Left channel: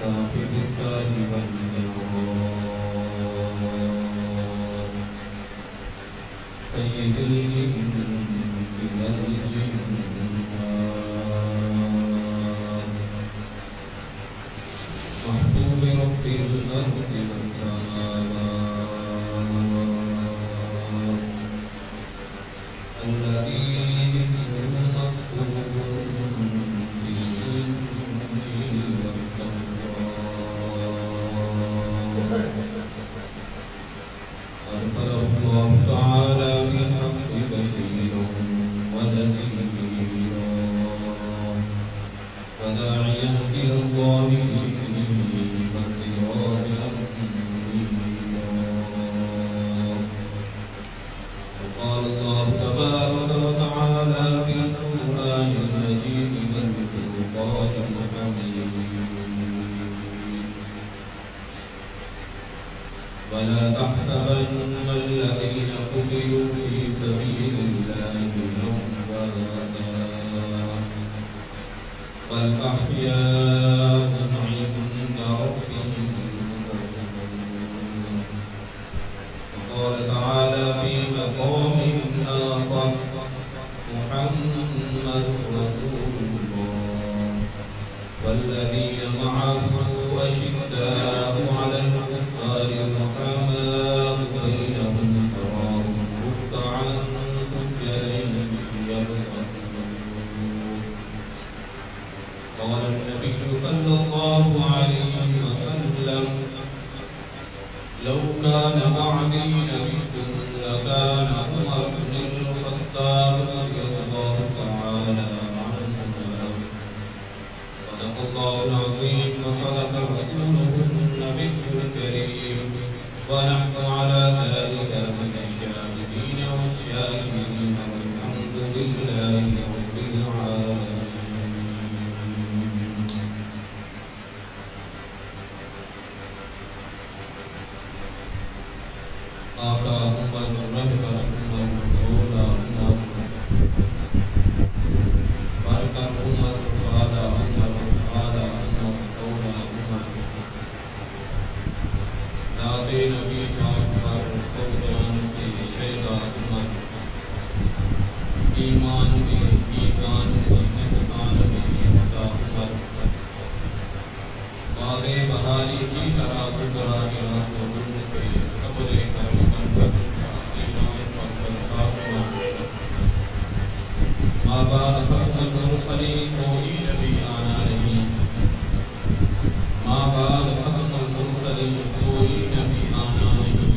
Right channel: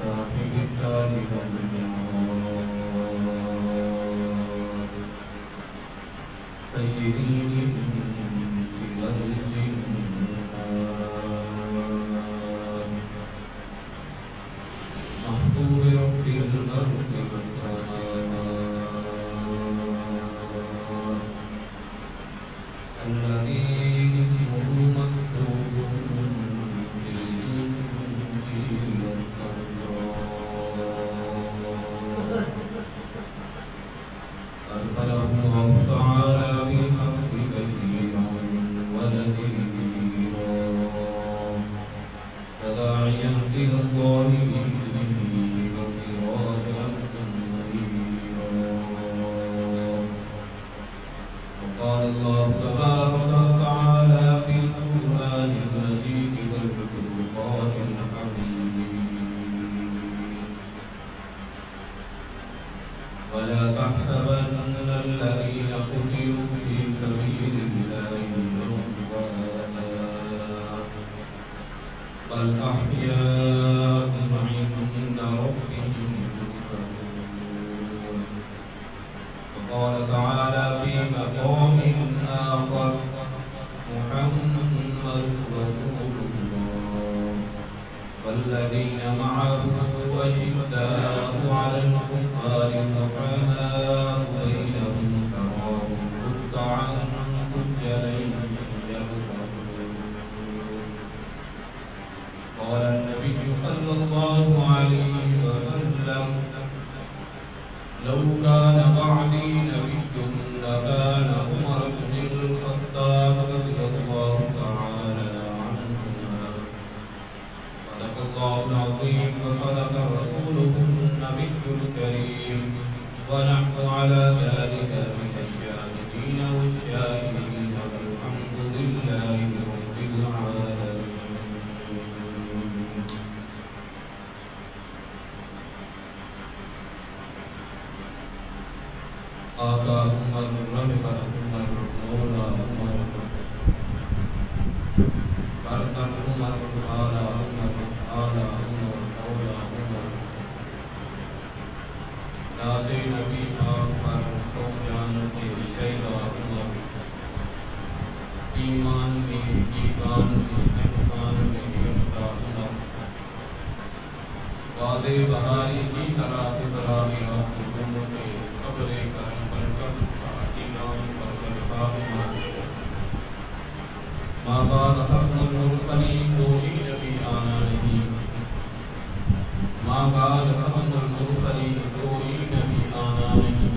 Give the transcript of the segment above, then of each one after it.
صاحب التاج والجمال سيد الإنس والجنان محبوب رب الأرض والسماوات الذي اسمه مكتوب في الإنجيل والتوراة أرسله الله تعالى بالحق بشيرا ونذيرا وداعيا إلى الله بإذنه وسراجا منيرا وقال الله تبارك وتعالى في القرآن المجيد والفرقان الحميد ولا تحسبن الذين قتلوا في سبيل الله أمواتا بل أحياء عند ربهم يرزقون وقال تعالى في مقام آخر محمد رسول الله والذين معه أشداء على الكفار رحماء بينهم تراهم ركعا سجدا يبتغون قال النبي صلى الله عليه وسلم لو كان بعدي نبي لكان عمر بن الخطاب رضي الله تعالى عنه صدق الله العظيم وصدق رسوله النبي الكريم ونحن على ذلك من الشاهدين والشاهدين والحمد لله رب العالمين. آقا عمر رہبر عمر مولا عمر برکت عمر والا عمر آلا عمر مولا عمر داد نبی پاک پر سو جان سے شیدا عمر ایمان میں ایمان میں احسان میں یکتا عمر باد بہاری کی طرح گزرا گیا تو دن سے قبر کرم بن کر انعام پر برسات عمر ماں بعد ختم المرسلین کوئی نبی آنا نہیں ماں بعد ختم المرسلین کوئی نبی آنا نہیں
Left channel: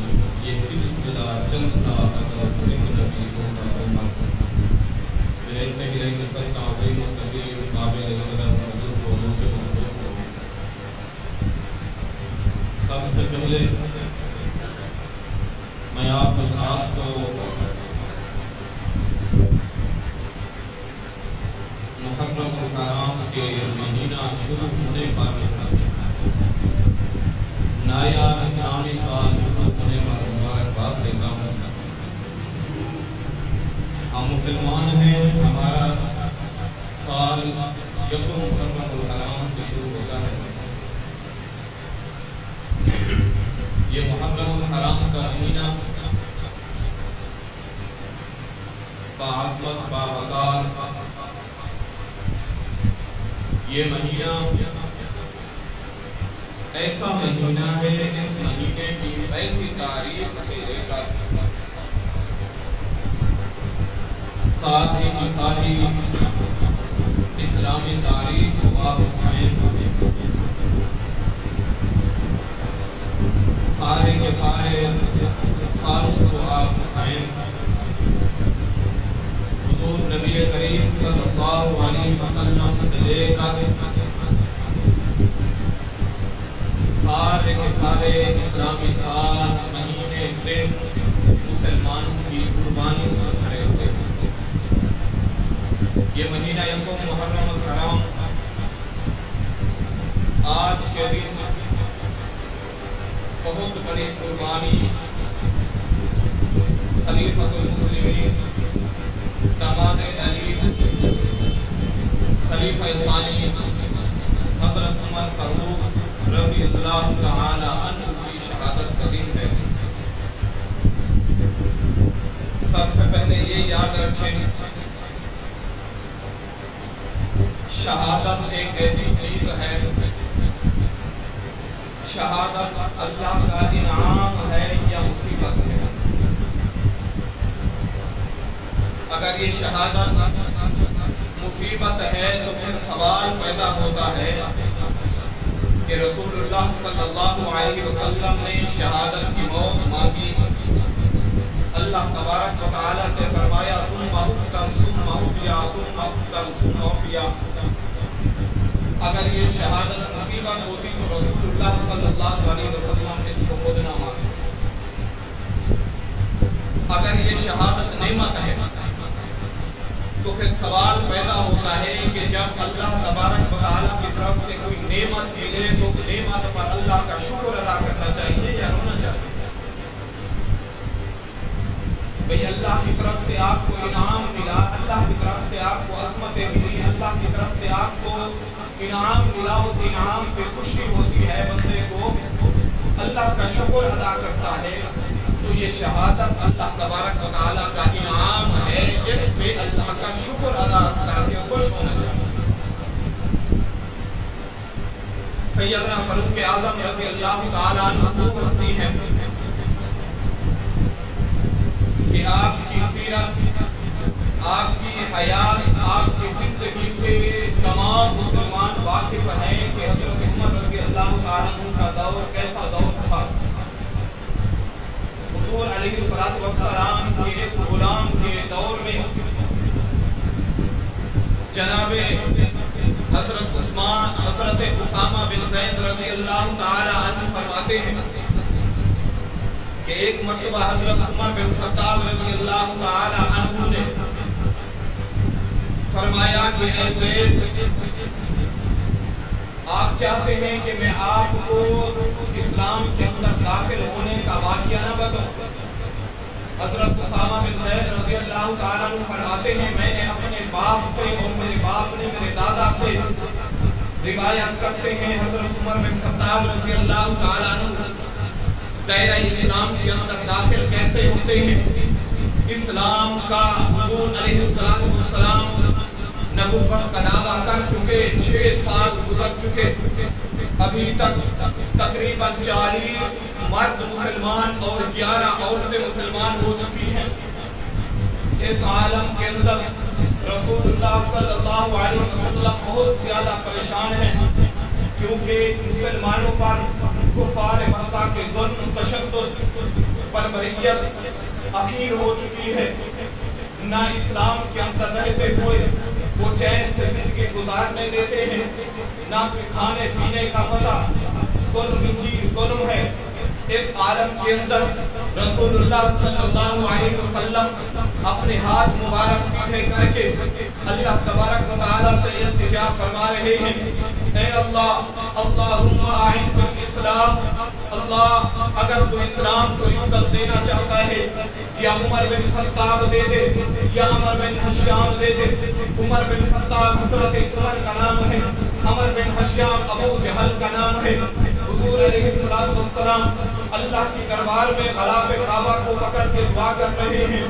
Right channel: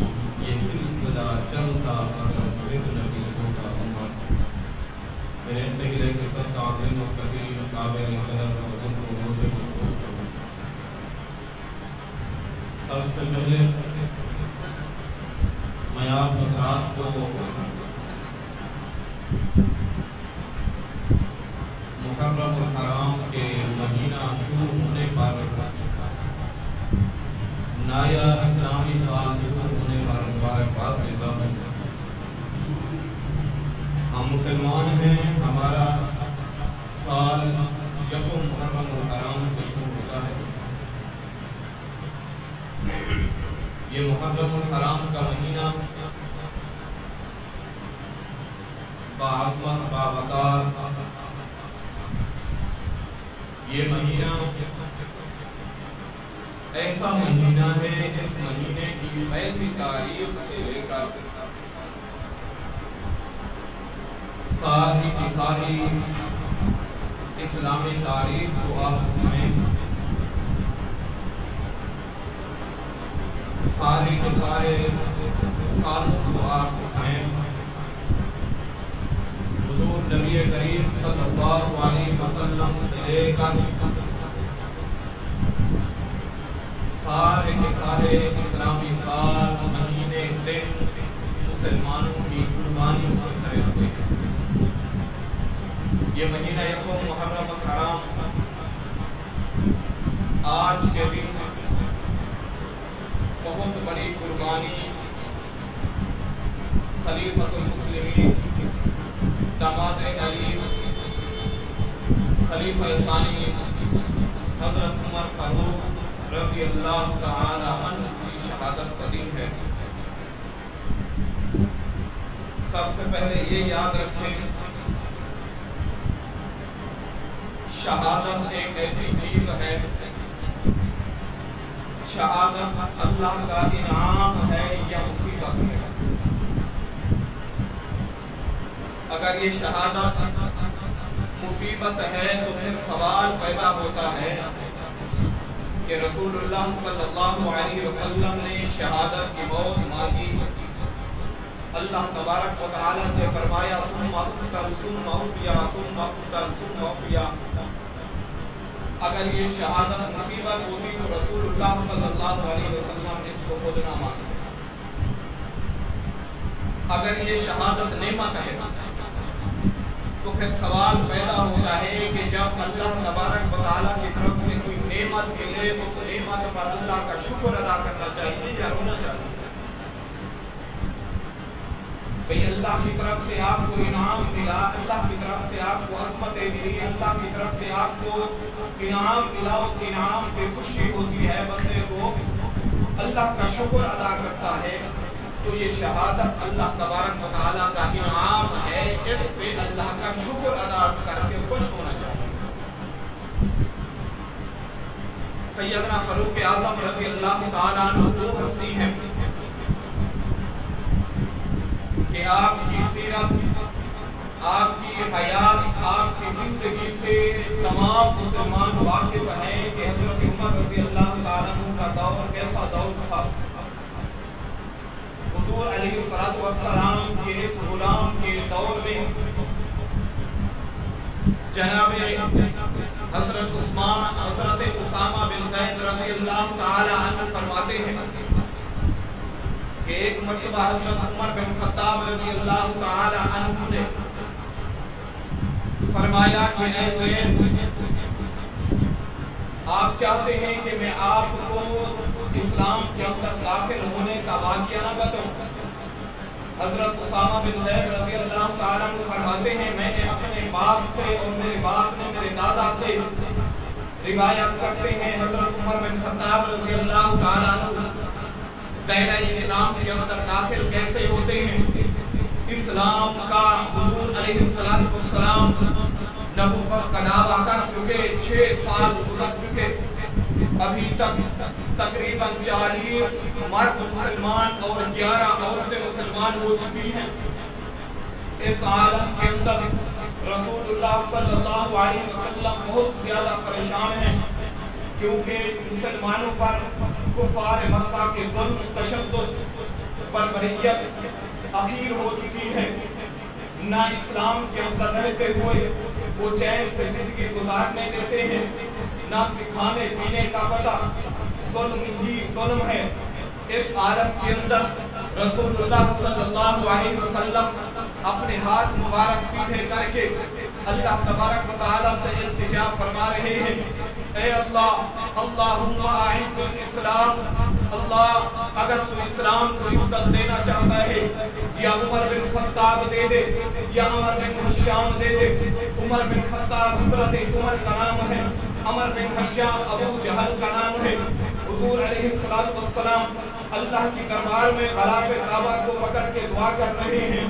یہ سلسلہ چلتا اگر ایک نبی ہوتا عمر. میرے انتہائی قسم تعظیم و تقدیر قابل قدر بزرگ و نوجوان دوستوں، سب سے پہلے میں آپ حضرات کو محرم الحرام کے مہینہ شروع ہونے پر نیا اسلامی سال شروع ہونے پر مبارکباد دیتا ہوں. ہم مسلمان ہیں، ہمارا سال یکم محرم الحرام سے شروع ہوتا ہے. یہ محرم الحرام کا مہینہ باعظمت باوقار، یہ مہینہ ایسا مہینہ ہے، اس مہینے کی پہلی تاریخ سے لے کر ساری کی ساری اسلامی تاریخ کو آپ اٹھائیں، سارے کے سارے سالوں کو آپ اٹھائیں. حضور نبی کریم صلی اللہ علیہ وسلم سے لے کر سارے کے سارے اسلامی سال، مہینے، دن مسلمانوں کی قربانیوں سے بھرے ہوئے ہیں. یہ مہینہ یکم محرم الحرام آج کے دن بہت بڑی قربانی خلیفۃ المسلمین داماد علی خلیفہ ثانی حضرت عمر فاروق رضی اللہ تعالی عنہ کی شہادت کا دن ہے۔ سب سے پہلے یہ یاد رکھیں، شہادت ایک ایسی چیز ہے، شہادت اللہ کا انعام ہے یا مصیبت ہے؟ اگر یہ شہادت مصیبت ہے تو پھر سوال پیدا ہوتا ہے کہ رسول اللہ صلی اللہ علیہ وسلم نے شہادت کی موت مانگی، اللہ تبارک و تعالی سے فرمایا ثم اقتل ثم احیا ثم اقتل ثم احیا۔ اگر یہ شہادت مصیبت ہوتی تو رسول اللہ صلی اللہ علیہ وسلم اس کو خود نہ مانتے۔ اگر یہ شہادت نعمت ہے تو پھر سوال پیدا ہوتا ہے کہ جب اللہ تبارک و تعالیٰ کی طرف سے کوئی نعمت ملے اس نعمت پر اللہ کا شکر ادا کرنا چاہیے یا رونا چاہیے؟ بھئی اللہ کی طرف سے آپ کو انعام ملا، اللہ کی طرف سے آپ کو عظمتیں ملی، اللہ کی طرف سے آپ کو انعام ملا، اس انعام پہ خوشی ہوتی ہے، بندے کو اللہ کا شکر ادا کرتا ہے، تو یہ شہادت اللہ تبارک و تعالیٰ کا انعام ہے، اس پہ اللہ کا شکر ادا کر کے خوش ہونا چاہیے۔ سیدنا فاروق اعظم رضی اللہ تعالیٰ عنہ وہ ہستی ہیں کہ آپ کی سیرت، آپ کی حیات، آپ کی زندگی سے تمام مسلمان واقف ہیں کہ حضرت عمر رضی اللہ تعالیٰ عنہ کا دور کیسا دور تھا۔ حضور علیہ السلام کے اس غلام کے دور میں جناب حضرت اسامہ بن زید رضی اللہ تعالی عنہ فرماتے ہیں کہ ایک مرتبہ حضرت عمر بن خطاب رضی اللہ تعالی عنہ نے فرمایا کہ اے زید، آپ چاہتے ہیں کہ میں آپ کو اسلام کے اندر داخل ہونے کا واقعہ نہ بتاؤں؟ حضرت اسامہ بن زید رضی اللہ تعالیٰ عنہ فرماتے ہیں میں نے اپنے باپ سے اور میرے باپ نے میرے دادا سے روایت کرتے ہیں حضرت عمر بن خطاب رضی اللہ تعالیٰ عنہ دائرہ اسلام کے اندر داخل کیسے ہوتے ہیں۔ اسلام کا حضور علیہ السلام نبوت کا دعویٰ کر چکے، 6 سال گزر چکے، ابھی تک تقریباً 40 مرد مسلمان اور 11 عورتیں مسلمان ہو چکی ہیں۔ اس عالم کے اندر رسول اللہ صلی اللہ علیہ وسلم بہت زیادہ پریشان ہیں، کیونکہ مسلمانوں پر کفار مکہ کے ظلم، تشدد، بربریت اخیر ہو چکی ہے۔ نہ اسلام کے اندر رہتے ہوئے وہ چین سے زندگی گزارنے دیتے ہیں، نہ کوئی کھانے پینے کا پتہ، ظلم ہی ظلم ہے۔ اس عالم کے اندر رسول اللہ صلی اللہ علیہ وسلم اپنے ہاتھ مبارک سیدھے کر کے اللہ تبارک و تعالیٰ سے التجا فرما رہے ہیں، اے اللہ، اللہم اعز الاسلام، اللہ اگر تو اسلام کو عزت دینا چاہتا ہے یا عمر بن خطاب دے دے یا عمر بن حشام دے دے۔ عمر بن خطاب حضرت عمر کا نام ہے، عمر بن حشام ابو جہل کا نام ہے۔ حضور علیہ السلام اللہ کی دربار میں غلاف کعبہ کو پکڑ کے دعا کر رہے ہیں،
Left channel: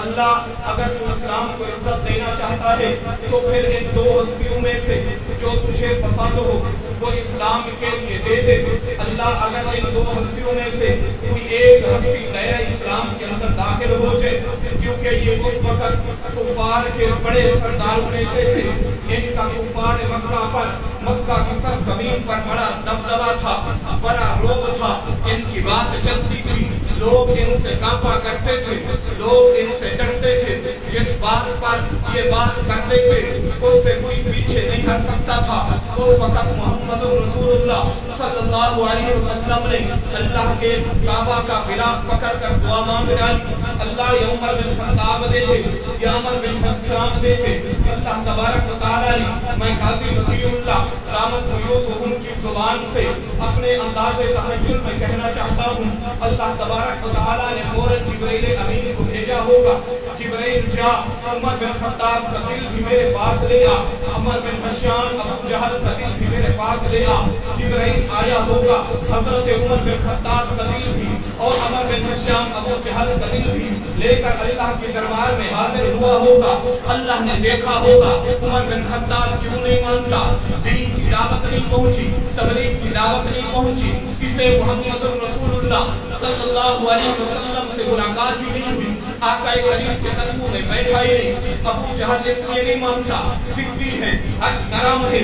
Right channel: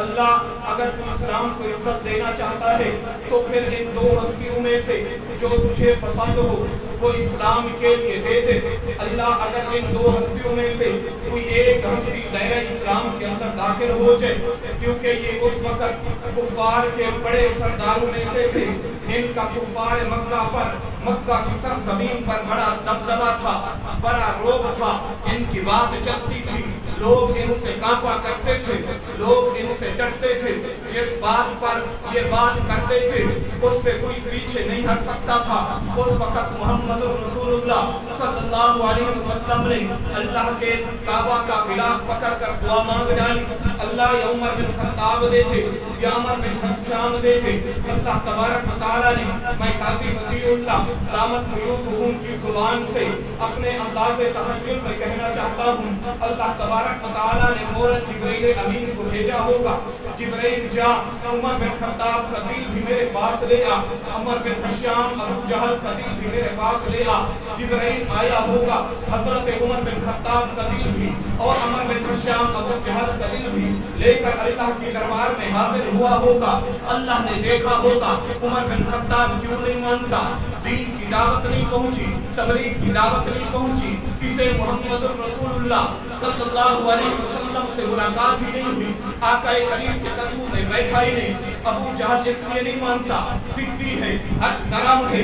اللہ اگر تو اسلام کو عزت دینا چاہتا ہے تو پھر ان 2 ہستیوں میں سے جو تجھے پسند ہو وہ اسلام کے لیے دے دے۔ اللہ اگر ان 2 ہستیوں میں سے کوئی ایک ہستی دائرہ اسلام کے اندر داخل ہو جائے، کیونکہ یہ اس وقت کفار کے بڑے سرداروں میں سے تھے، ان کا کفار مکہ پر، مکہ کی سرزمین پر بڑا دبدبہ تھا، بڑا روب تھا، ان کی بات چلتی تھی، لوگ ان سے کانپا کرتے تھے، لوگ ان سے ڈرتے تھے، جس بات پر یہ بات کرتے تھے اس سے کوئی پیچھے نہیں ہٹ سکتا تھا۔ اس وقت محمد رسول اللہ صلی اللہ علیہ وسلم نے اللہ کے کعبہ کا غلاف پکڑ کر دعا مانگ ڈالی، اللہ یا عمر بن خطاب دے دے یا عمر بن حشام دے دے۔ اللہ تبارک و تعالیٰ نے، میں قاضی مطیع اللہ دامت فیوضہم کی زبان سے اپنے انداز تخیل میں کہنا چاہتا ہوں، اللہ تبارک و تعالیٰ نے فوراً جبرائیل امین کو بھیجا ہوگا۔ جبرائیل جا، عمر بن خطاب کا دل بھی میرے پاس لے آ، عمر بن حشام ابو جہل کا دل بھی میرے پاس لے آ۔ جبرائیل آیا ہوگا، حضرت عمر بن خطاب کا دل بھی اور عمر بن حشام ابو جہل کا دل بھی لے کر اللہ کے دربار میں حاضر ہوا ہوگا۔ اللہ نے دیکھا ہوگا عمر بن خطاب کیوں نہیں مانتا، دین کی دعوت نہیں پہنچی، تبلیغ کی دعوت نہیں پہنچی، اسے محمد رسول اللہ صلی اللہ علیہ وسلم سے ملاقات ہی نہیں ہوئی، آقا کریم کے قدموں میں بیٹھا ہی نہیں۔ ابو جہل اس لیے نہیں مانتا، ضدی ہے، حق نرم ہے،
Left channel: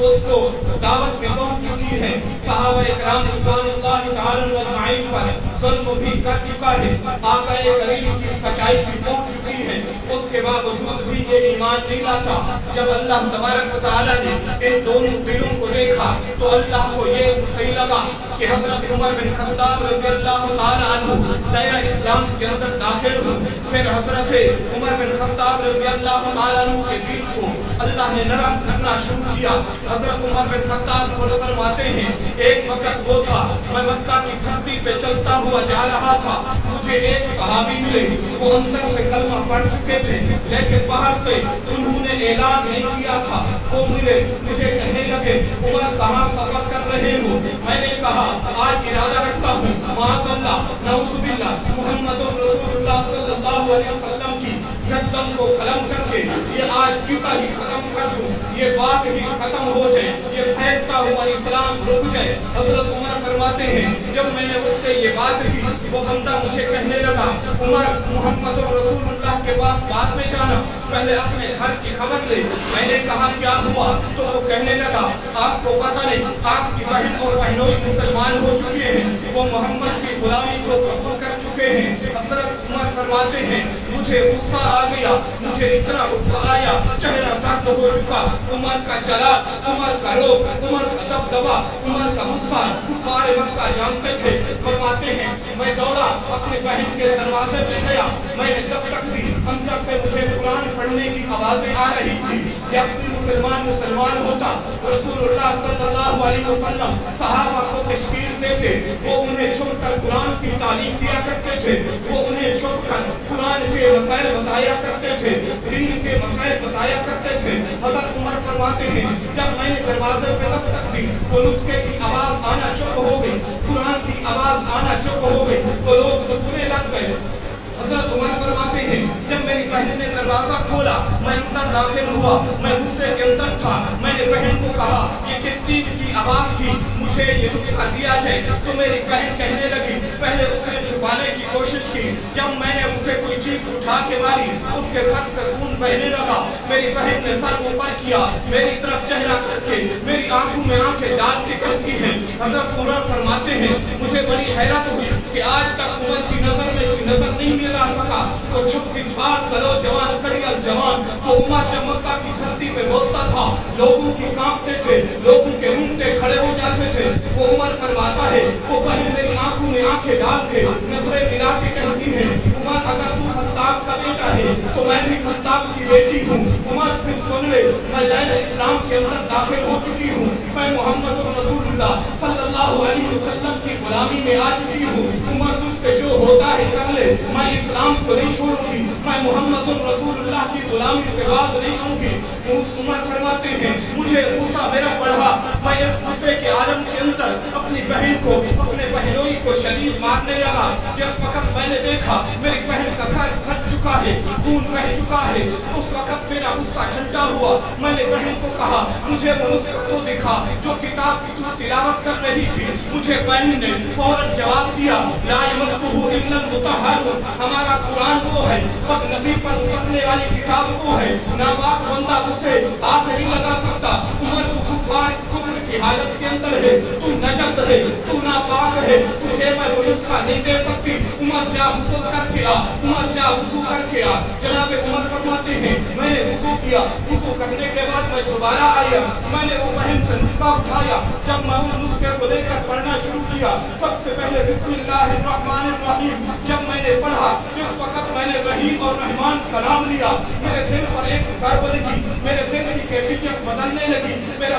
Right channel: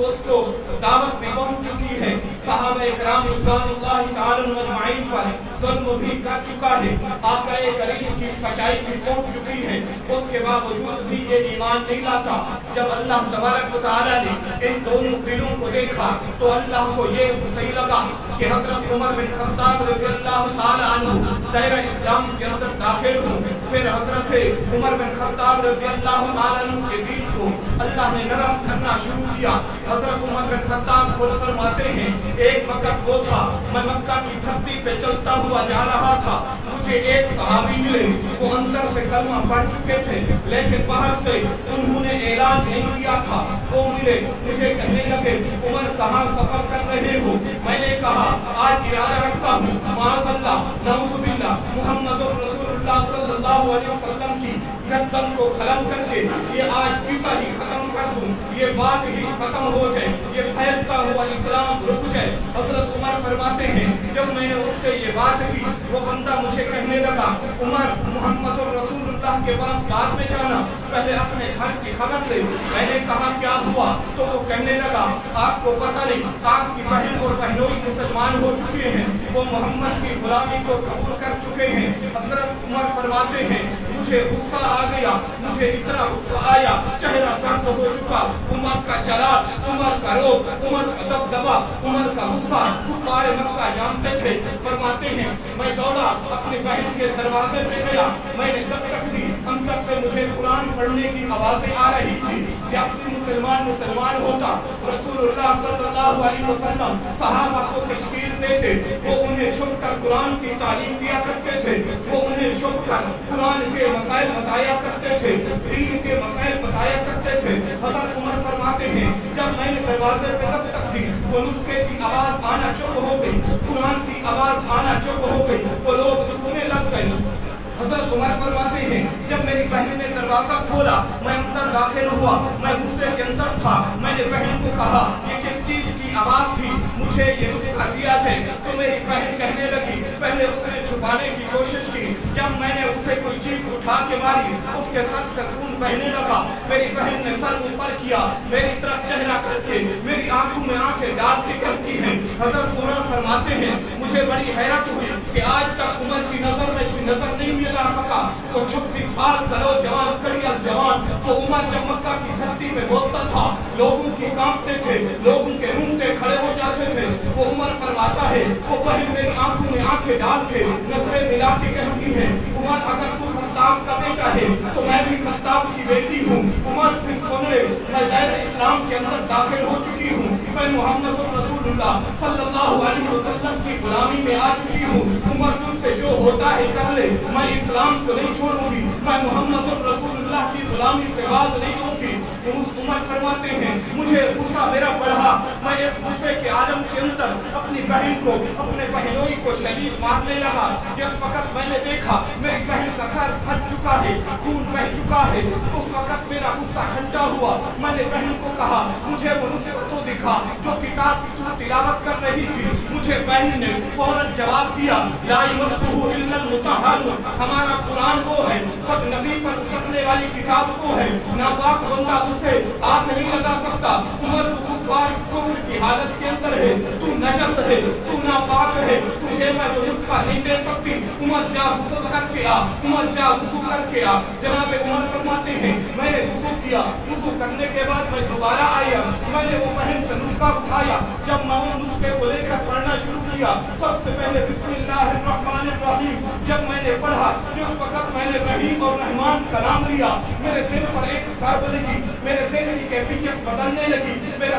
اس کو دعوت بھی پہنچ چکی ہے، صحابہ کرام رضوان اللہ تعالی اجمعین پر ظلم بھی کر چکا ہے، آقا کریم کی سچائی بھی پہنچ چکی ہے، اس کے باوجود بھی یہ ایمان نہیں لاتا۔ جب اللہ تبارک و تعالی نے ان دونوں دلوں کو دیکھا تو اللہ کو یہ صحیح لگا کہ حضرت عمر بن خطاب رضی اللہ تعالی عنہ دائرہ اسلام کے اندر داخل ہو۔ پھر حضرت عمر بن خطاب رضی اللہ تعالی عنہ کے دل کو اللہ نے نرم کرنا شروع کیا۔ حضرت عمر بن خطاب خود فرماتے ہیں ایک وقت وہ تھا میں مکہ کی دھرتی پہ چلتا ہوا جا رہا تھا، مجھے ایک صحابی ملے، وہ اندر سے کلمہ پڑھ چکے تھے لیکن باہر سے انہوں نے اعلان نہیں کیا تھا۔ وہ ملے، مجھے کہنے لگے عمر کہاں سفر کر رہے ہو؟ میں نے کہا آج ارادہ رکھتا ہوں معاذ اللہ نعوذ باللہ محمد رسول اللہ صلی اللہ علیہ وسلم کی گردن کو قلم کر کے یہ آج قصہ ہی ختم کر دوں، یہ بات ہی ختم ہو جائے، یہ پھیلتا ہوا اسلام رک جائے۔ حضرت عمر فرماتے ہیں جب میں نے اس سے یہ بات کی وہ بندہ مجھے کہنے لگا عمر محمد رسول اللہ کے پاس بعد میں جانا، پہلے اپنے گھر کی خبر لے۔ میں نے کہا کیا ہوا؟ تو وہ کہنے لگا آپ کو پتہ نہیں آپ کی بہن اور بہنوئی مسلمان ہو چکے ہیں، وہ محمد کی غلامی کو قبول کر چکے ہیں۔ حضرت عمر فرماتے ہیں مجھے غصہ آ گیا، مجھے اتنا غصہ آیا چہرہ زرد ہو چکا، عمر کا جلال، عمر کا روب، عمر کا دبدبا، عمر کا غصہ کفار مکہ جانتے تھے۔ فرماتے ہیں میں دوڑا اپنی بہن کے دروازے پہ گیا، میں نے دستک دی، اندر سے مجھے قرآن پڑھنے کی آوازیں آ رہی تھی۔ جب بھی مسلمان ہوتا رسول اللہ صلی اللہ علیہ وسلم صحابہ کو تشکیل دیتے، وہ انہیں چھپ کر قرآن کی تعلیم دیا کرتے تھے، وہ انہیں چھپ کر قرآن کے مسائل بتایا کرتے تھے، دین کے مسائل بتایا کرتے تھے۔ حضرت عمر فرماتے ہیں جب میں نے دروازے پہ دستک دی وہ نسخے کی آواز آنا چپ ہو گئی، قرآن کی آواز آنا چپ ہو گئی، وہ لوگ دکنے لگ گئے۔ حضرت عمر فرماتے ہیں جب میری بہن نے دروازہ کھولا میں اندر داخل ہوا، میں غصے کے اندر تھا، میں نے بہن کو کہا یہ کس چیز کی آواز تھی، مجھے یہ نسخہ دیا جائے۔ تو میری بہن کہنے لگی پہلے اسے چھپانے کی کوشش کی، جب میں نے اسے کوئی چیز اٹھا کے ماری اس کے سر سے خون بہنے لگا، میری بہن نے سر اوپر کیا، میری طرف چہرہ کر کے میری آنکھوں میں آنکھیں ڈال کے کہتی ہے۔ حضرت عمر فرماتے ہیں مجھے بڑی حیرت ہوئی کہ آج تک عمر کی نظر میں کوئی نظر نہیں ملا سکا، وہ 26 سال چلو جوان کڑیل جوان، وہ عمر جب مکہ کی دھرتی پہ بولتا تھا لوگوں کی کانپتے تھے، لوگوں کے رونگٹے کھڑے ہو جاتے تھے۔ وہ عمر فرماتا ہے وہ بہن میری آنکھوں میں آنکھیں ڈال کے نظریں ملا کے کہتی ہے عمر اگر تو خطاب کا بیٹا ہے تو میں بھی خطاب کی بیٹی ہوں۔ عمر پھر سن لے میں دائرہ اسلام کے اندر داخل ہو چکی ہوں، میں محمد رسول اللہ صلی اللہ علیہ وسلم کی غلامی میں آ چکی ہوں۔ عمر تجھ سے جو ہوتا ہے کر لے، میں اسلام کو نہیں چھوڑوں گی، میں محمد رسول اللہ کی غلامی سے باز نہیں ہوں گی۔ عمر فرماتے ہیں مجھے غصہ میرا بڑھا، میں اس غصے کے عالم کے اندر اپنی بہن کو اپنے بہنوئی کو شدید مارنے لگا۔ جس وقت میں نے دیکھا میری بہن کا سر پھٹ چکا ہے، خون بہ چکا ہے، اس وقت میرا غصہ ٹھنڈا ہوا۔ میں نے بہن کو کہا مجھے وہ نسخہ تو دکھا جو کتاب کی تو تلاوت کر رہی تھی۔ مجھے بہن نے فوراً جواب دیا لا یمسہ الا المطہرون، ہمارا قرآن وہ ہے، پاک نبی پر اترنے والی کتاب وہ ہے، ناپاک بندہ اسے ہاتھ نہیں لگا سکتا۔ عمر تو کفر کی حالت کے اندر ہے، تو نجس ہے، تو ناپاک ہے، تجھے میں وہ نسخہ نہیں دے سکتی۔ عمر جا غسل کر کے آ، عمر جا وضو کر کے آ۔ جناب عمر فرماتے ہیں میں نے وضو کیا، وضو کرنے کے بعد میں دوبارہ آیا، میں نے وہ بہن سے نسخہ اٹھایا، جب میں ان نسخے کو لے کر پڑھنا شروع کیا سب سے پہلے بسم اللہ الرحمن الرحیم جب میں نے پڑھا، جس وقت میں نے رحیم اور رحمان کا نام لیا میرے دل پر ایک ضرب لگی، میرے دل کی کیفیت بدلنے لگی، میرا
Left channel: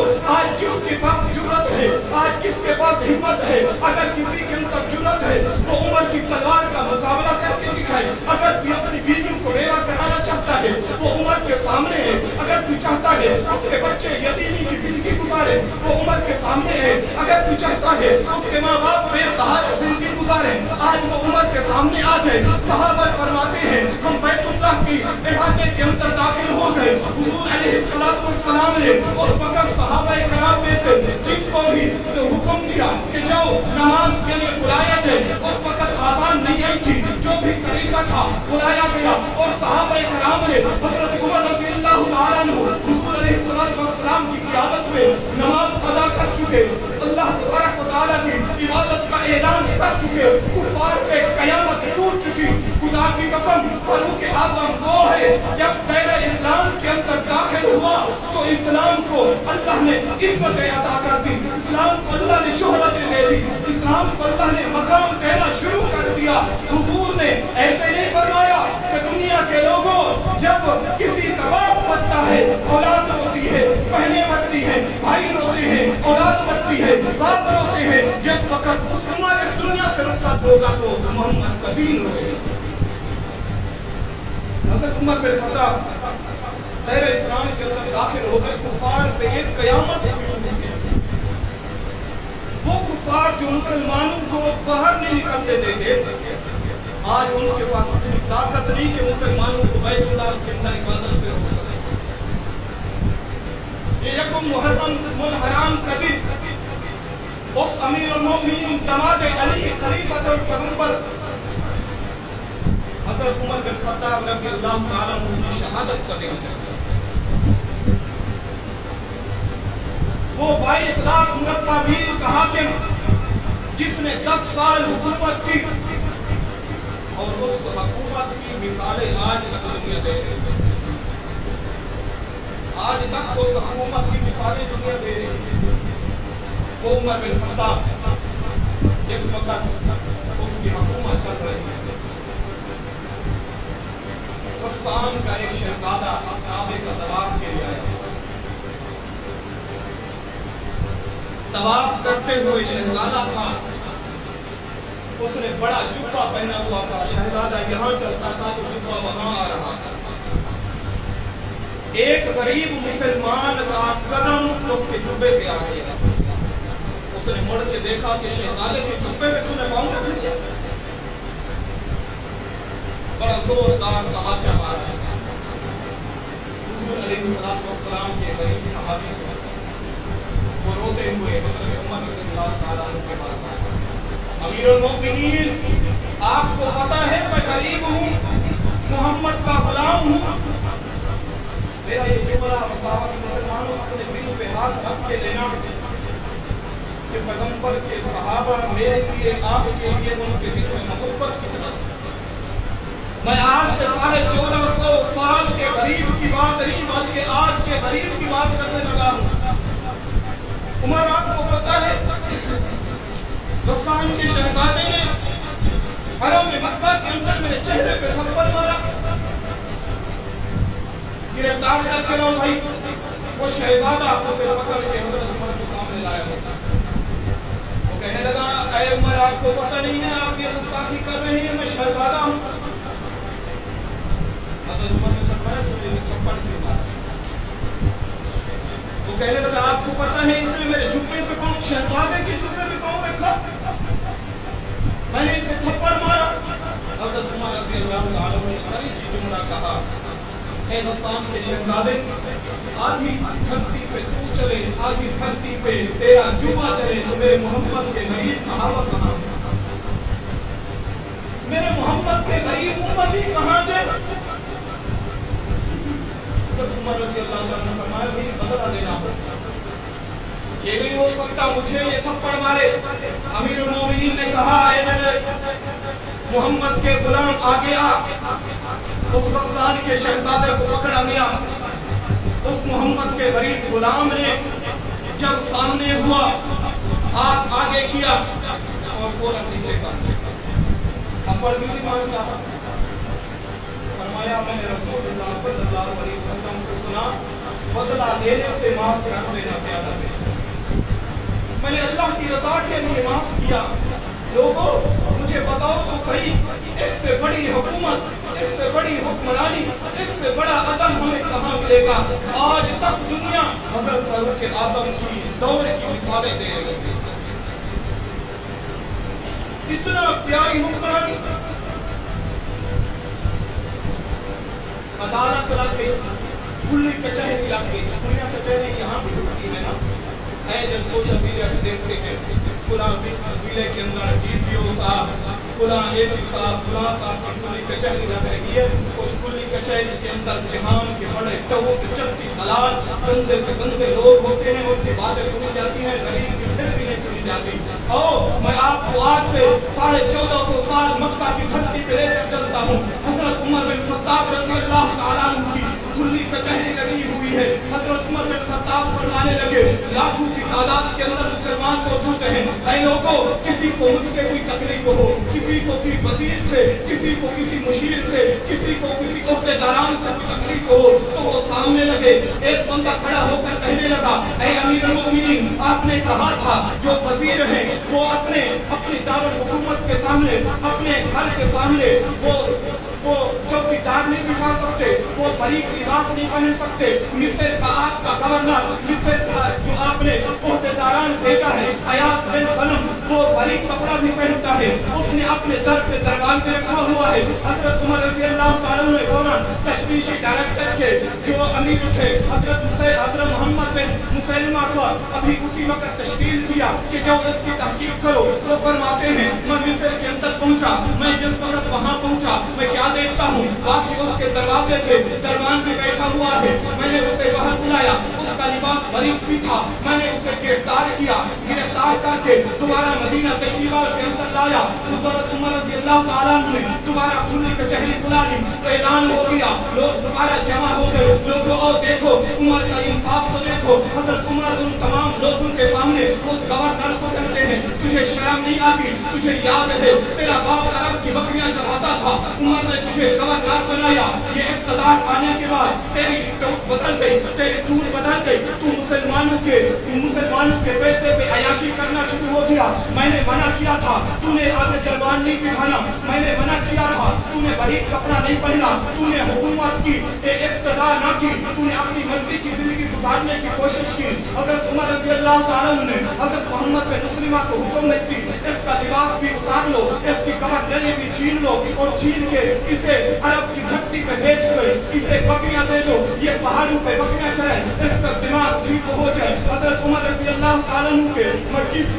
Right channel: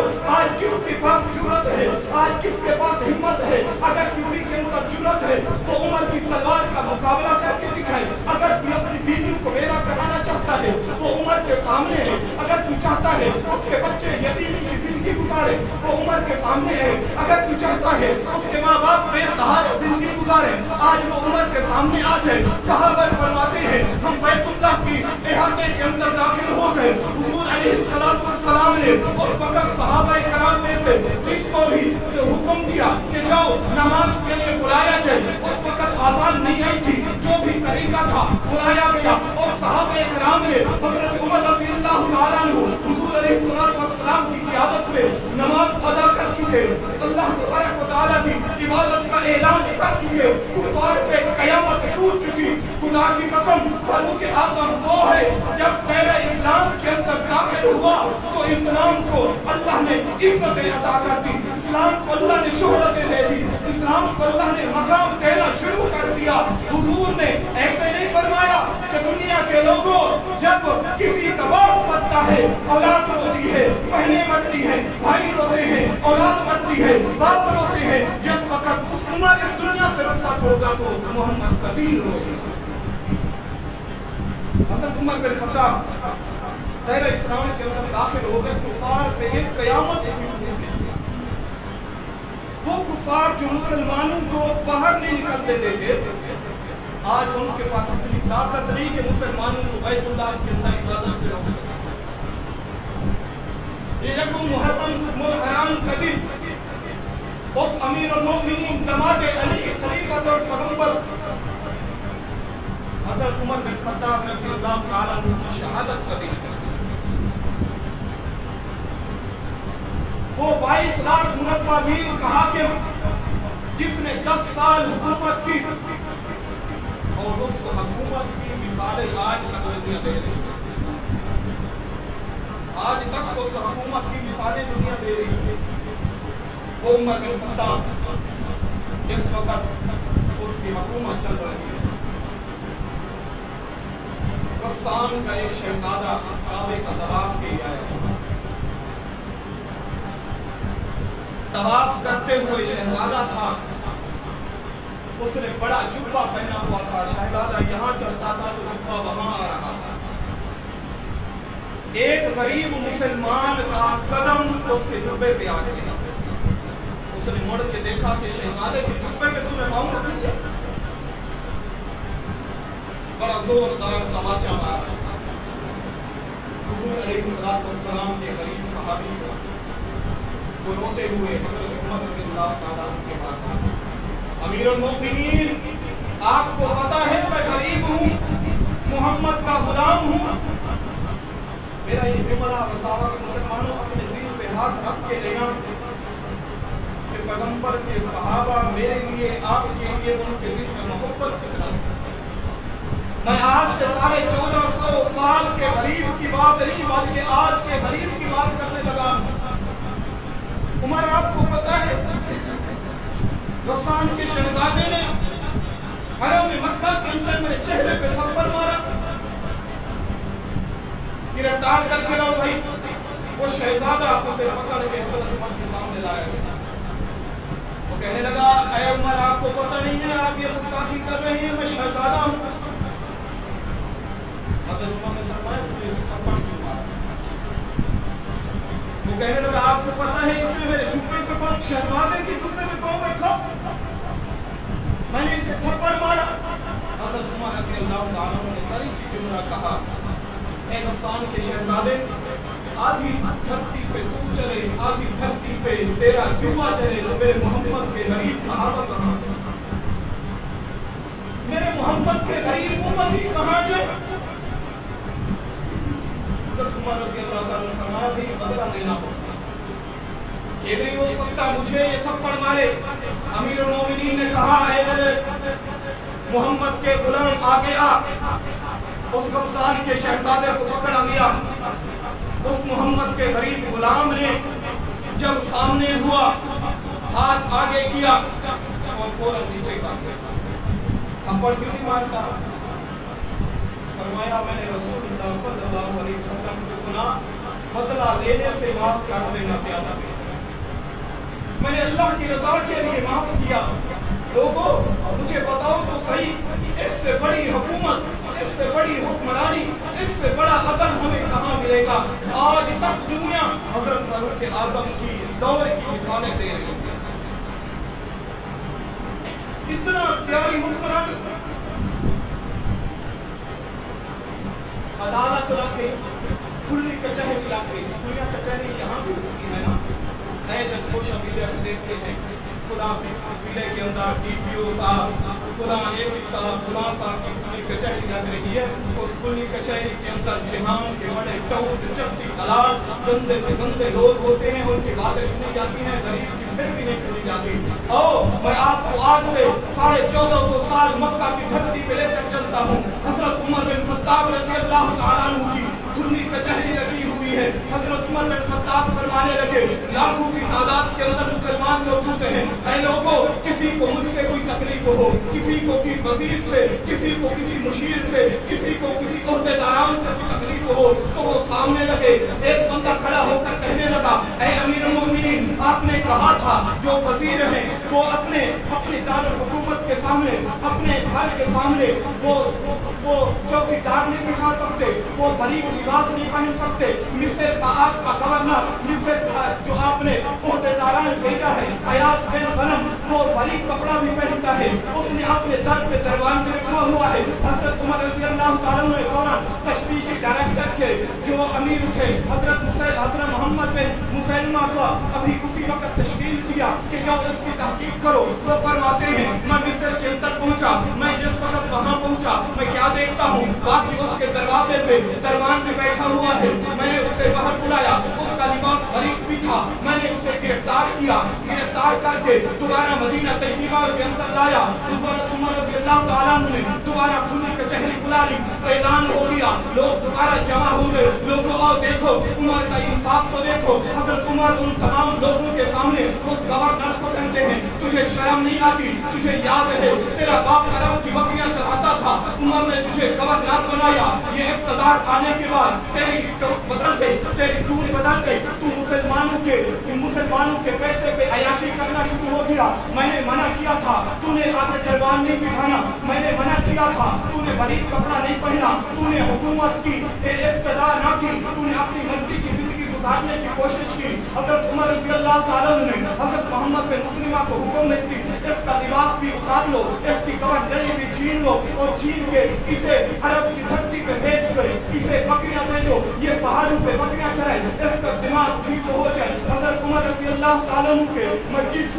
کرو آج کس کے پاس جرت ہے, آج کس کے پاس ہمت ہے. اگر کسی کے اندر جرت ہے وہ عمر کی تلوار کا مقابلہ کر کے دکھائے. اگر کوئی اپنی بیوی کو بیوہ کرانا چاہتا ہے وہ عمر کے سامنے ہے. اگر کوئی چاہتا ہے اس کے بچے یتیمی کی زندگی گزارے وہ عمر کے سامنے ہے. اگر کوئی چاہتا ہے اس کے ماں باپ بے سہارا زندگی گزارے آج وہ عمر کے سامنے آ جائے. صحابہ فرماتے ہیں ہم بیت اللہ کی احاطے کے اندر داخل ہو گئے. حضور علیہ السلام نے اس وقت صحابہ کرام میں سے جس کو بھی حکم دیا کہ جاؤ نماز کے لیے بلایا جائے, اس وقت آسان نہیں آئی تھی, جو بھی طریقہ تھا بلایا گیا اور صحابہ کرام نے حضرت عمر رضی اللہ تعالیٰ عنہ حضور علیہ السلام کی قیادت میں نماز ادا کر چکے, اللہ تبارک و تعالیٰ کی عبادت کا اعلان کر چکے, کفار پہ قیامت ٹوٹ چکی. خدا کی قسم فاروق اعظم وہ ہے جب پہلے اسلام کے اندر داخل ہوا تو اسلام کو اللہ نے عزتیں عطا کر دی, اسلام کو اللہ نے شہرتیں دے دی, اسلام کو اللہ نے مقام دینا شروع کر دیا. حضور نے ایسے نہیں فرمایا کہ دنیا کے لوگوں جب کسی کا باپ مرتا ہے اولاد روتی ہے, بہنیں مرتی ہیں بھائی روتے ہیں, اولاد مرتی ہے باپ روتے ہیں, جس وقت اس عمر اس دنیا سے رخصت ہوگا تو محمد کا دین روئے گا. حضرت عمر بن خطاب دائرہ اسلام کے اندر داخل ہو گئے. کفار پہ ایک قیامت شروع ہو گئی. وہ کفار جو مسلمانوں کو باہر نہیں نکلتے دیتے آج ان کے پاس اتنی طاقت نہیں کہ مسلمانوں کو بیت اللہ کے اندر عبادت سے روک سکے. یہ یکم محرم الحرام کا دن اس امیر المومنین دماد علی خلیفۃ اور پیغمبر حضرت عمر بن خطاب رضی اللہ تعالیٰ عنہ کی شہادت کا دن ہے. وہ 22 لاکھ مربع میل کا حاکم جس نے 10 سال حکومت کی اور اس حکومت کی مثالیں آج تک دنیا دے رہی ہے. آج تک اس حکومت کی مثالیں دنیا دے رہی ہے. وہ عمر بن خطاب جس وقت اس کی حکومت چل رہی ہے, غسان کا ایک شہزادہ کعبے کا طواف کے لیے آیا. طواف کرتے ہوئے شہزادہ تھا, اس نے بڑا جبہ پہنا ہوا تھا. شہزادہ یہاں چلتا تھا تو جبہ وہاں آ رہا تھا. ایک غریب مسلمان کا قدم اس کے جبے پہ آ گیا. اس نے مڑ کے دیکھا کہ شہزادے کے جبے پہ تو نے پاؤں رکھ لیا. بڑا زوردار تماچا مارا. حضور علیہ السلام کے غریب صحابی کو وہ روتے ہوئے حضرت عمر رضی اللہ تعالیٰ عنہ کے پاس آئے. امیر المؤمنین آپ کو پتا ہے میں غریب ہوں, محمد کا غلام ہوں. میرا یہ جملہ مساوا کے مسلمانوں اپنے دل پہ ہاتھ رکھ کے لینا کہ پیغمبر کے صحابہ میرے لیے آپ کے لیے ان کے دل میں محبت کتنا تھی. میں آج سے 1450 سال کے غریب کی بات نہیں بلکہ آج کے غریب کی بات کرنے لگا ہوں. عمر آپ کو پتا ہے غسان کے شہزادے نے حرم مکہ کے اندر میرے چہرے پہ تھپڑ مارا. گرفتار کر کے لاؤ بھائی. وہ شہزادہ اسے پکڑ کے حضرت عمر کے سامنے لایا گیا. وہ کہنے لگا اے عمر آپ کو پتہ نہیں ہے آپ یہ گستاخی کر رہے ہیں, میں شہزادہ ہوں. حضرت عمر نے فرمایا تو نے اسے تھپڑ کیوں مارا. وہ کہنے لگا آپ کو پتہ ہے اس نے میرے جبے پہ پاؤں, شہزادے کے جبے پہ پاؤں رکھا, میں نے اسے تھپڑ مارا. حضرت عمر رضی اللہ تعالیٰ عنہ نے بڑی چیز جملہ کہا, اے غسان کے شہزادے آدھی دھرتی پہ تو چلے آدھی دھرتی پہ تیرا جبہ چلے تو میرے محمد کے غریب صحابہ کہاں, میرے محمد کے غریب امتی کہاں جائے. حضرت عمر رضی اللہ تعالیٰ نے فرمایا بھئی بدلہ دینا ہو, یہ نہیں ہو سکتا مجھے یہ تھپڑ مارے. امیر المومنین نے کہا اے میرے محمد کے غلام آگے آ. اس غسان کے شہزادے کو پکڑا گیا. اس محمد کے غریب غلام نے جب سامنے ہوا ہاتھ آگے کیا اور فوراً نیچے کر دیا. تھپڑ کیوں نہیں مارتا؟ فرمایا میں نے رسول اللہ صلی اللہ علیہ وسلم سے سنا بدلہ لینے سے معاف کر دینا زیادہ بہتر ہے۔ میں نے اللہ کی رضا کے لیے معاف کیا، لوگوں مجھے بتاؤ تو صحیح، اس سے بڑی حکومت، اس سے بڑی حکمرانی، اس سے بڑا عدل ہمیں کہاں ملے گا؟ آج تک دنیا حضرت فاروق اعظم کی دور کی مثالیں دے رہی ہے، اتنا پیاری حکمرانی، عدالت لگ گئی، کھلی کچہری لگ گئی۔ کھلی کچہری یہاں بھی ہوتی ہے نا، اے جب سوشل میڈیا پہ دیکھتے ہیں فلاں ضلع کے اندر ڈی پی او صاحب، فلاں اے سی صاحب، فلاں صاحب کی کھلی کچہری لگ رہی ہے، اس کھلی کچہری کے اندر جہان کے بڑے ٹوٹ چپٹی دلال، گندے سے گندے لوگ ہوتے ہیں، ان کی باتیں سنی جاتی ہیں، غریب کی پھر بھی نہیں سنی جاتی۔ میں آپ کو آج سے 1450 سال مکہ کی دھرتی پہ لے کر چلتا ہوں۔ حضرت عمر بن خطاب رضی اللہ تعالیٰ عنہ کی کھلی کچہری لگی ہوئی ہے۔ حضرت عمر بن خطاب فرمانے لگے، لاکھوں کی تعداد کے اندر مسلمان موجود ہیں، اے لوگوں کسی کو مجھ سے کوئی تکلیف ہو، کسی کو کوئی وزیر سے، کسی کو کسی مشیر سے، کسی کو کسی عہدیداران سے کوئی تکلیف ہو تو وہ سامنے لگے۔ ایک بندہ کھڑا ہو کر کہنے لگا، اے امیر المؤمنین، آپ نے کہا تھا جو وزیر ہیں وہ اپنی دارالحکومت کے سامنے، اپنے گھر کے سامنے وہ چوکیدار نہیں بٹھا سکتے، وہ باریک لباس نہیں پہن سکتے۔ مصر کا آپ کا گورنر، مصر کا جو آپ نے عہدیداران بھیجا ہے ایاز بن غنم، وہ باریک کپڑا بھی پہنتا ہے، اس نے اپنے در پہ دربان بھی رکھا ہوا ہے۔ حضرت عمر رضی اللہ تعالیٰ نے فوراً تشویشی ڈائریکٹر کے جو امیر تھے حضرت محمد بن مسلمہ کا ابھی اسی وقت تشکیل دیا کہ جو اس کی تحقیق کرو۔ وہ فرماتے ہیں میں مصر کے اندر پہنچا، میں جس وقت وہاں پہنچا میں کیا دیکھتا ہوں، باقی اس کے دروازے پہ دربان بھی بیٹھا ہوا ہے۔ میں نے اسے باہر بلایا، اس کا لباس باریک بھی تھا، میں نے اسے گرفتار کیا، گرفتار کر کے دوبارہ مدینہ طیبہ کے اندر لایا۔ حضرت عمر رضی اللہ تعالیٰ نے دوبارہ کھلی کچہری بلا لی، اعلان ہو گیا، لوگ دوبارہ جمع ہو گئے۔ لوگوں اور دیکھو عمر کا انصاف تو دیکھو۔ حضرت عمر ان تمام لوگوں کے سامنے اس گورنر کو کہتے ہیں، تجھے شرم نہیں آتی؟ تجھے یاد ہے تیرا باپ عرب کی بکریاں چراتا تھا، عمر نے تجھے گورنر بنایا، یہ اقتدار آنے کے بعد تیری ٹوٹ بدل گئی، تیری ٹور بدل گئی، تو مسلمانوں کے پیسے پہ عیاشی کرنا شروع ہو گیا۔ میں نے منع کیا تھا، تو نے آگے دربان نہیں بٹھانا، میں نے منع کیا تھا، تو نے باریک کپڑا نہیں پہنا، تو نے حکومت کی اقتدار نہ کی، تو نے اپنی مرضی کی زندگی گزارنے کی کوشش کی۔ حضرت عمر رضی اللہ تعالیٰ نے حضرت محمد بن مسلمہ کو حکم دی، اس کا لباس بھی اتار لو، اس کی گورنری بھی چھین لو، اور چھین کے اسے عرب کی دھرتی پہ بھیج گئے، اسے بکریاں دے دو، یہ پہاڑوں پہ بکریاں چرائے، اس کا دماغ ٹھیک ہو جائے۔ حضرت عمر رضی اللہ تعالیٰ عنہ کے میں کس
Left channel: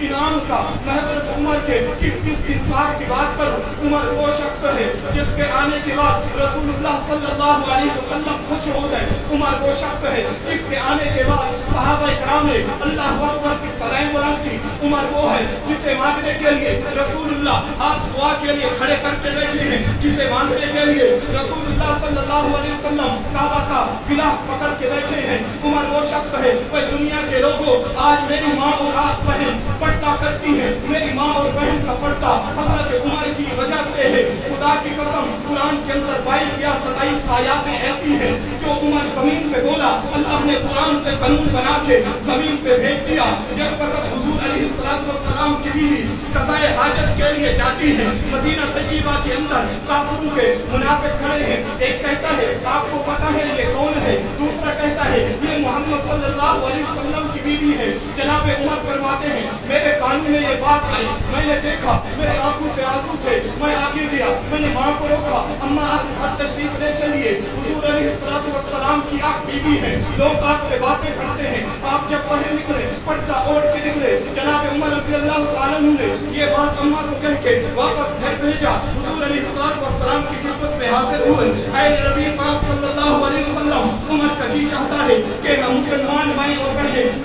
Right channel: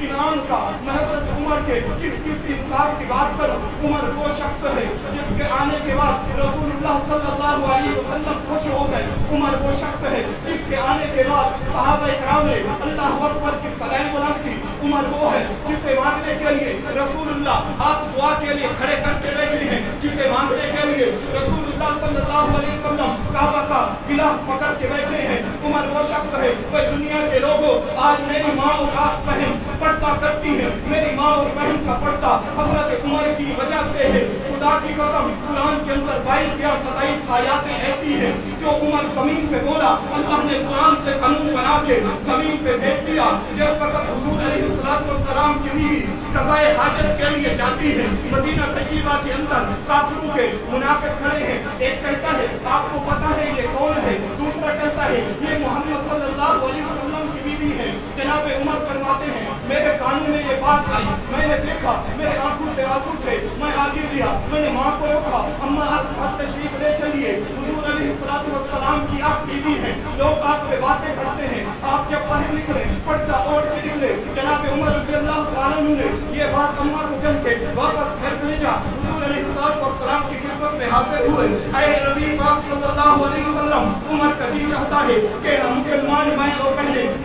انعام کا، میں حضرت عمر کے کس انصاف کی بات کروں۔ عمر وہ شخص ہے جس کے آنے کے بعد رسول اللہ صلی اللہ علیہ وسلم خوش ہو گئے۔ عمر وہ شخص ہے جس کے آنے کے بعد صحابہ کرام نے اللہ اکبر کی صدائیں بلند کی۔ عمر وہ ہے جسے مانگنے کے لیے رسول اللہ ہاتھ دعا کے لیے کھڑے کر کے بیٹھے ہیں، جسے مانگنے کے لیے رسول اللہ صلی اللہ علیہ وسلم کعبہ کا غلاف پکڑ کے بیٹھے ہیں۔ عمر وہ شخص ہے، وہ دنیا کے لوگوں آج میری ماں اور آپ بہن پردہ کرتی ہیں، میری ماں اور بہن کا پردہ حضرت عمر کی وجہ سے ہے۔ خدا کی قسم قرآن کے اندر 22 یا 27 آیاتیں ایسی ہیں جو عمر زمین پہ بولا، اللہ نے قرآن سے قانون بنا کے زمین پہ بھیج دیا۔ جس وقت حضور علیہ السلام کی بیوی قضائے حاجت کے لیے جاتی ہے، مدینہ طیبہ کے اندر کافروں کے منافق کھڑے ہیں، ایک کہتا ہے آپ کو پتا ہے یہ کون ہے، دوسرا کہتا ہے یہ محمد صلی اللہ علیہ وسلم کی بیوی ہے۔ جناب عمر فرماتے ہیں میرے کانوں میں یہ بات آئی، میں نے دیکھا، میرے آنکھوں سے آنسو تھے، میں آگے گیا، میں نے ماں کو روکا، اماں آپ گھر تشریف لے چلیے، حضور علیہ السلام کی آپ بیوی ہیں، لوگ آپ پہ باتیں کرتے ہیں، آپ جب باہر نکلے پردہ اوڑھ کے نکلے۔ جناب عمر رضی اللہ تعالیٰ نے یہ بات اماں کو کہہ کے واپس گھر بھیجا۔ حضور علیہ السلام کی خدمت میں حاضر ہوئے، اے نبی پاک صلی اللہ علیہ وسلم، عمر کا جی چاہتا ہے کہ مسلمان مائیں اور بہنیں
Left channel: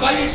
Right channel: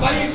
22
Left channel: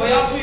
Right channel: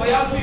82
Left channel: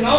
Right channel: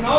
9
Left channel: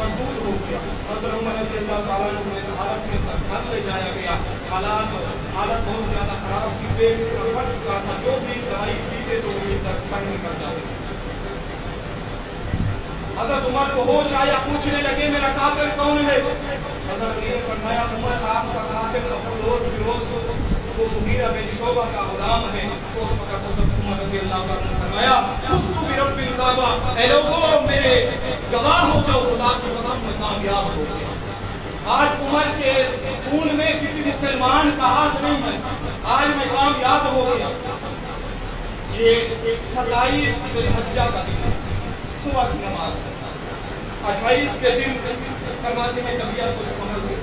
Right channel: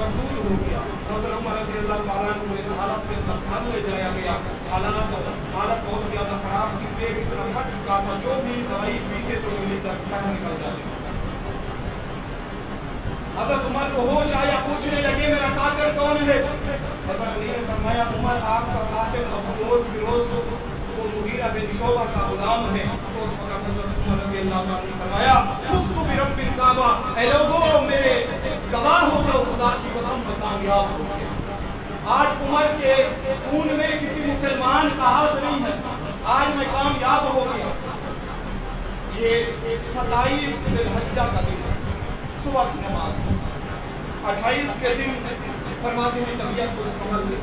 مردود ہو گیا. حضرت عمر رضی اللہ تعالیٰ عنہ کو اس حالت کے اندر گھر لے جایا گیا. حالت بہت زیادہ خراب تھی, پیٹ اتنا پھٹ چکا تھا, جو بھی دوائی پیتے تو وہ باہر نکل جاتے. حضرت عمر کو ہوش آیا, پوچھنے لگے میرا قاتل کون ہے. حضرت علی نے فرمایا عمر آپ کا قاتل ابو فیروز وہ مغیرہ بن شعبہ کا غلام ہے. تو اس وقت حضرت عمر رضی اللہ تعالیٰ نے فرمایا فزت برب الکعبہ, اے لوگوں میرے گواہ ہو جو خدا کی قسم میں کامیاب ہو گیا. آج عمر کے خون میں کسی مسلمان کا ہاتھ نہیں ہے, آج میں کامیاب ہو گیا. یہ 27 ذی الحجہ کا دن ہے, صبح کی نماز. 28 کے دن فرماتے ہیں طبیعت کو سنبھل گئی,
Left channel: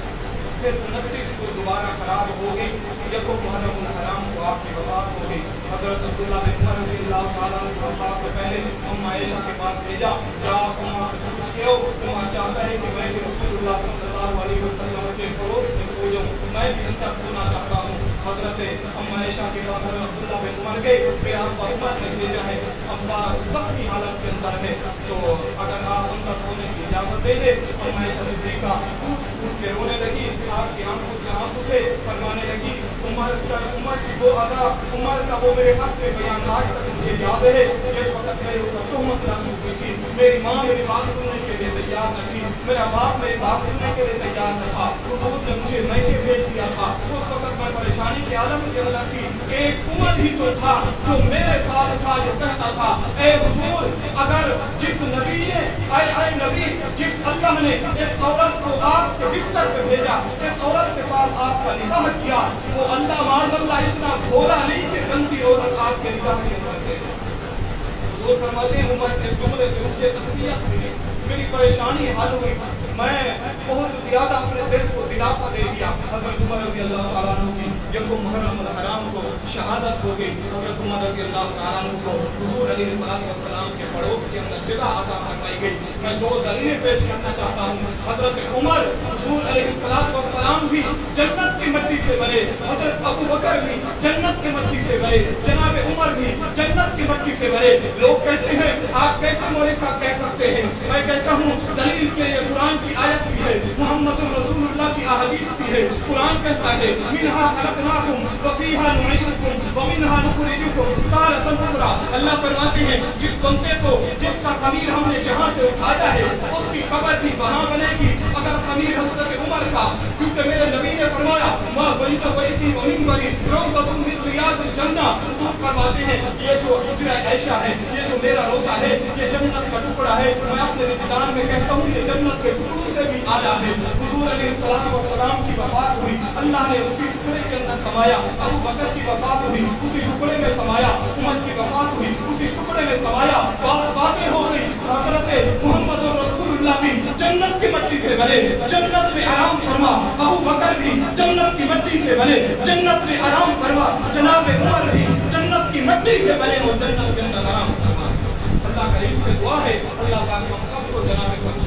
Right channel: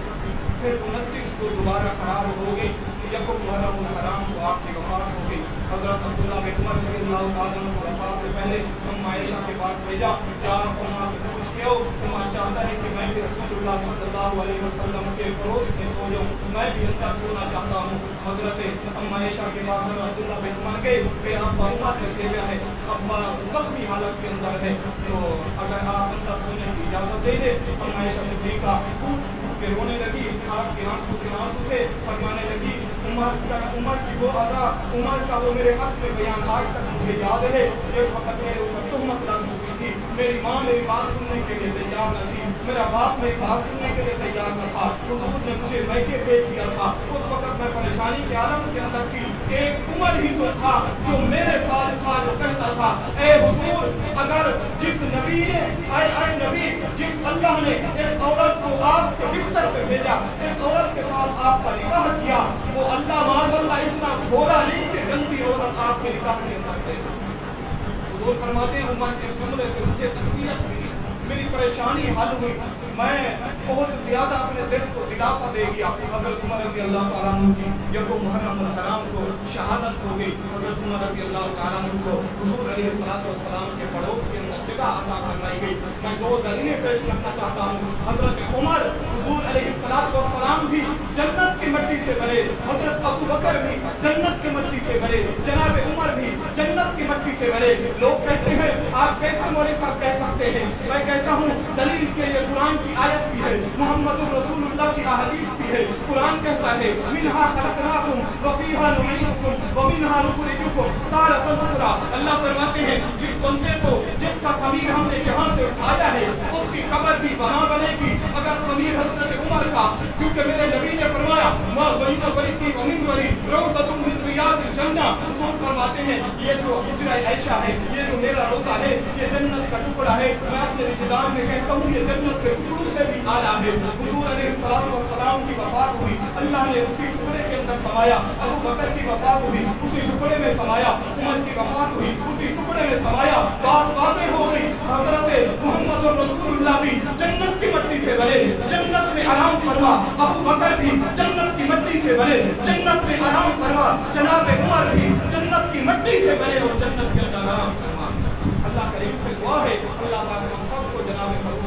پھر 29 کو دوبارہ خراب ہو گئی. یکم محرم الحرام کو آپ کی وفات ہو گئی. حضرت عبداللہ بن عمر رضی اللہ تعالیٰ عنہ کو وفات سے پہلے اما عائشہ کے پاس بھیجا, جا اما سے پوچھ کے اما چاہتا ہے کہ میں بھی رسول اللہ صلی اللہ علیہ وسلم کے پڑوس میں سو جاؤں, میں بھی اندر سونا چاہتا ہوں. حضرت اما عائشہ کے پاس حضرت عبداللہ بن عمر گئے, پھر ابا عمر نے بھیجا ہے, ابا زخمی حالت کے اندر ہے, تو اگر آپ اندر سونے کی اجازت دے دے. اما عائشہ صدیقہ ٹوٹ ٹوٹ کے رونے لگی, آپ کی آنکھوں سے آنسو تھے, فرمانے لگی عمر کی وہ ادا, عمر کا وہ میرے حق میں بیان آج تک مجھے یاد ہے. جس وقت میرے اوپر تہمت لگ چکی تھی, میری ماں میری بات سننے کے لیے تیار نہ تھی, میرا باپ میری بات سننے کے لیے تیار نہ تھا. حضور نے مجھے میکے بھیج دیا تھا. اس وقت میں پریشانی کے عالم کے اندر تھی. ایک عمر ہی تو تھا جو میرے ساتھ تھا, جو کہتا تھا اے حضور اگر جس نبی نے اے نبی جس اللہ نے اس عورت کو آپ کے بستر پہ بھیجا, اس عورت کے ساتھ آپ کا نکاح کیا, وہ اللہ معاذ اللہ اتنا بھولا نہیں کہ گندی عورت آپ کے نکاح کے اندر دے. حضور فرماتے ہیں عمر کے اس جملے سے مجھے تقویت ملی, میری پریشانی حل ہوئی, میں بہت زیادہ اپنے دل کو دلاسا دے دیا. حضرت عمر رضی اللہ تعالیٰ عنہ کی یکم محرم الحرام کو شہادت ہو گئی. حضرت عمر رضی اللہ تعالیٰ عنہ کو حضور علیہ السلام کے پڑوس کے اندر جگہ عطا فرمائی گئی. میں 2 دلیلیں پیش کرنا چاہتا ہوں. حضرت عمر حضور علیہ السلام بھی جنت کی مٹی سے بنے, حضرت ابو بکر بھی جنت کی مٹی سے بنے, جناب عمر بھی جنت کی مٹی سے بنے. لوگ کہتے ہیں آپ کیسے مولوی صاحب کہہ سکتے ہیں, میں کہتا ہوں دلیل کے لیے قرآن کی آیت بھی ہے, محمد الرسول اللہ کی احادیث بھی ہے. قرآن کہتا ہے منہا خلقناکم وفیہا نعیدکم ومنہا نخرجکم تارۃ اخری. اللہ فرماتے ہیں جس بندے کو جس کا خمیر ہم نے جہاں سے اٹھایا ہے اس کی قبر بھی وہاں بنے گی اگر خمیر حضرت عمر کا, کیونکہ میرے نبی نے فرمایا ما بین بیتی و منبری روضۃ من ریاض الجنہ. حضور فرماتے ہیں یہ جو حجرہ عائشہ ہے, یہ جو میرا روضہ ہے, یہ جنت کا ٹکڑا ہے. میں اپنے وجدان میں کہتا ہوں یہ جنت کے ٹکڑوں سے بھی اعلیٰ ہے. حضور علیہ السلام کی وفات ہوئی, اللہ نے اسی ٹکڑے کے اندر سمایا. ابو بکر کی وفات ہوئی, اسی ٹکڑے میں سمایا. عمر کی وفات ہوئی, اسی ٹکڑے میں سمایا. بات واضح ہو گئی, حضرت محمد رسول اللہ بھی جنت کی مٹی سے بنے, جنت میں آرام فرما. ابو بکر بھی جنت کی مٹی سے بنے, جنت میں آرام فرما. جناب عمر بھی جنت کی مٹی سے بنے اور جنت کے اندر آرام فرما. اللہ کریم سے دعا ہے اللہ پاک ہم سب کو جناب فاروق